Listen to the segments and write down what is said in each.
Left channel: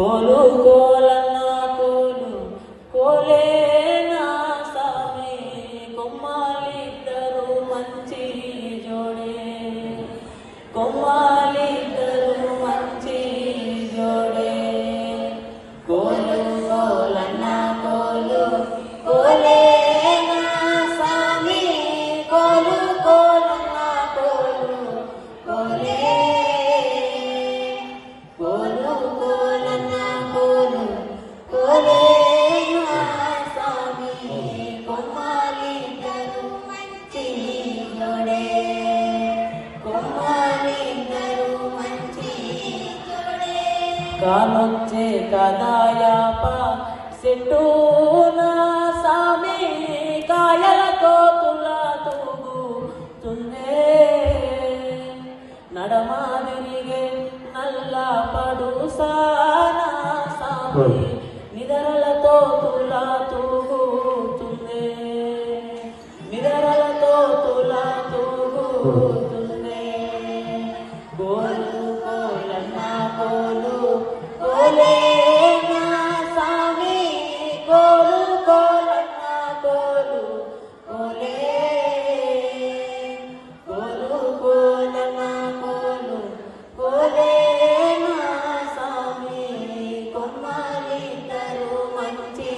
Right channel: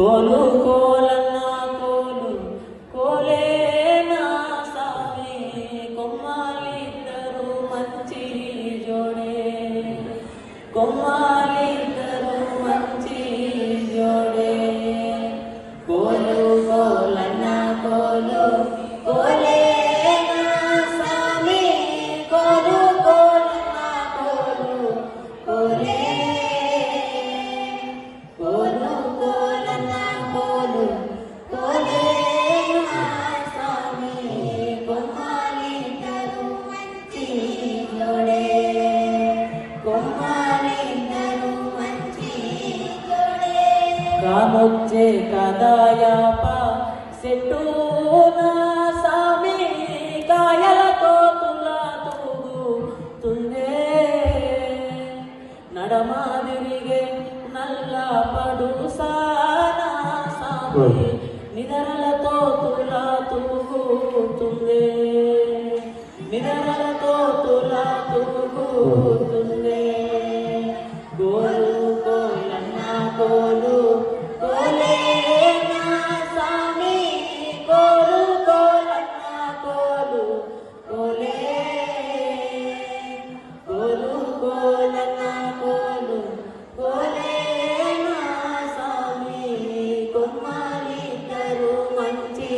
కోలు కోలన్న కోలు కోలేనా సామి కొమ్మాలిద్దరు మంచి జోడే కొమ్మాలిద్దరు మంచి జోడే కోలు కోలన్న కోలు కోలేనా సామి కోలు కోలన్న కోలు కోలే కామొచ్చే కదాయాప సెట్టు నా సామి కాయతో తులతూగుతుందే నడమా విరిగే నల్ల పడుసానా సామి నిదరలతో తులతూగుతుందే నిదరలతో తులతూగుతుందే గోలు కోలన్న కోలు కోలేనా సామి కోలు కోలన్న కోలు కోలే కోలు కోలన్న కోలు కోలేనా సామి కొమ్మాలిద్దరు మంచి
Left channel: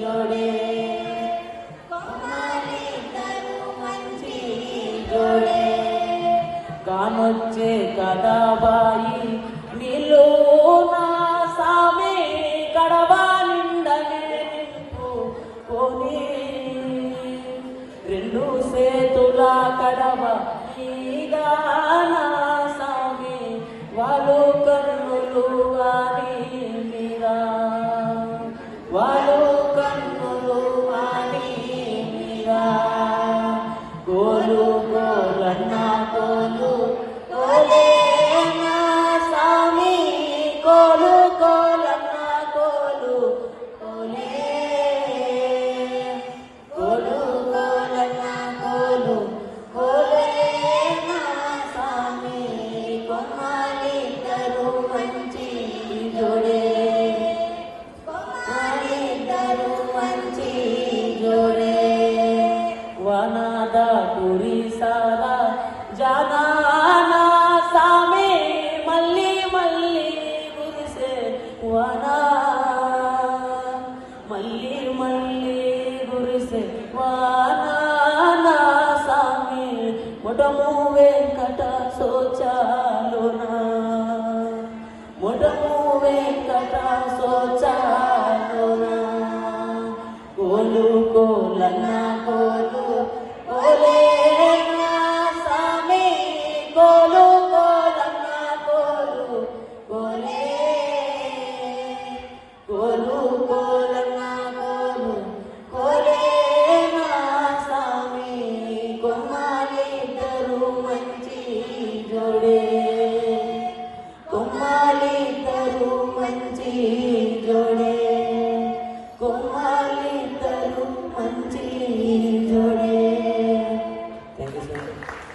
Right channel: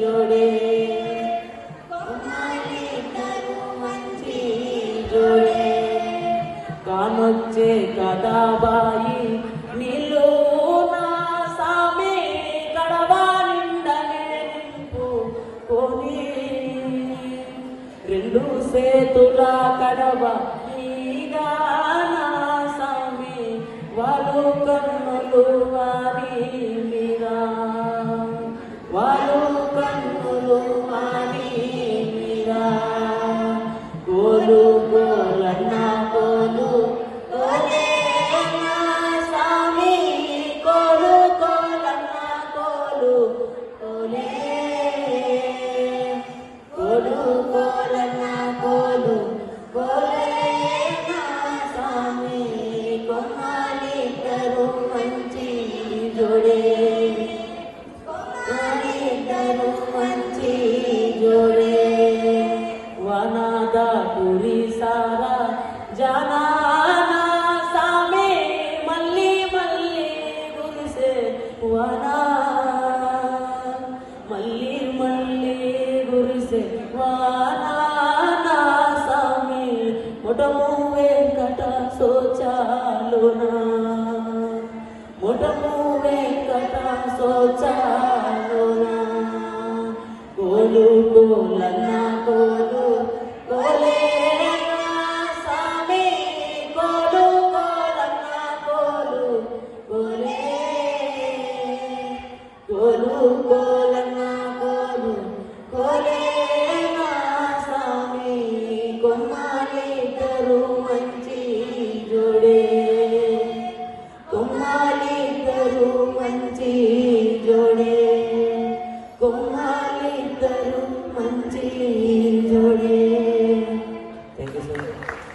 జోడే కొమ్మాలిద్దరు మంచి జోడే కామొచ్చే కదాబాయి నీళ్ళు నా సామి గడవా నింపుకొని రెండు సేతుల కడవ నీగా నా సామి వాళ్ళు కన్నులు వారి మీరా వాళ్ళు కన్నులు వారి మీరా కోలు కోలన్న కోలు కోలేనా సామి కోలు కోలన్న కోలు కోలే కోలు కోలన్న కోలు కోలేనా సామి కొమ్మాలిద్దరు మంచి జోడే కొమ్మాలిద్దరు మంచి జోడే వనదా పురి సారా జానా సామి మళ్ళీ మళ్ళీ గురిసే వానా మళ్ళీ మళ్ళీ గురిసే వానా సామి ముఠము వెంకట సోచాలునా ముఠము వెంకట సోచాలునా కోలు కోలన్న కోలు కోలేనా సామి కోలు కోలన్న కోలు కోలే కోలు కోలన్న కోలు కోలేనా సామి కొమ్మాలిద్దరు మంచి జోడే కొమ్మాలిద్దరు మంచి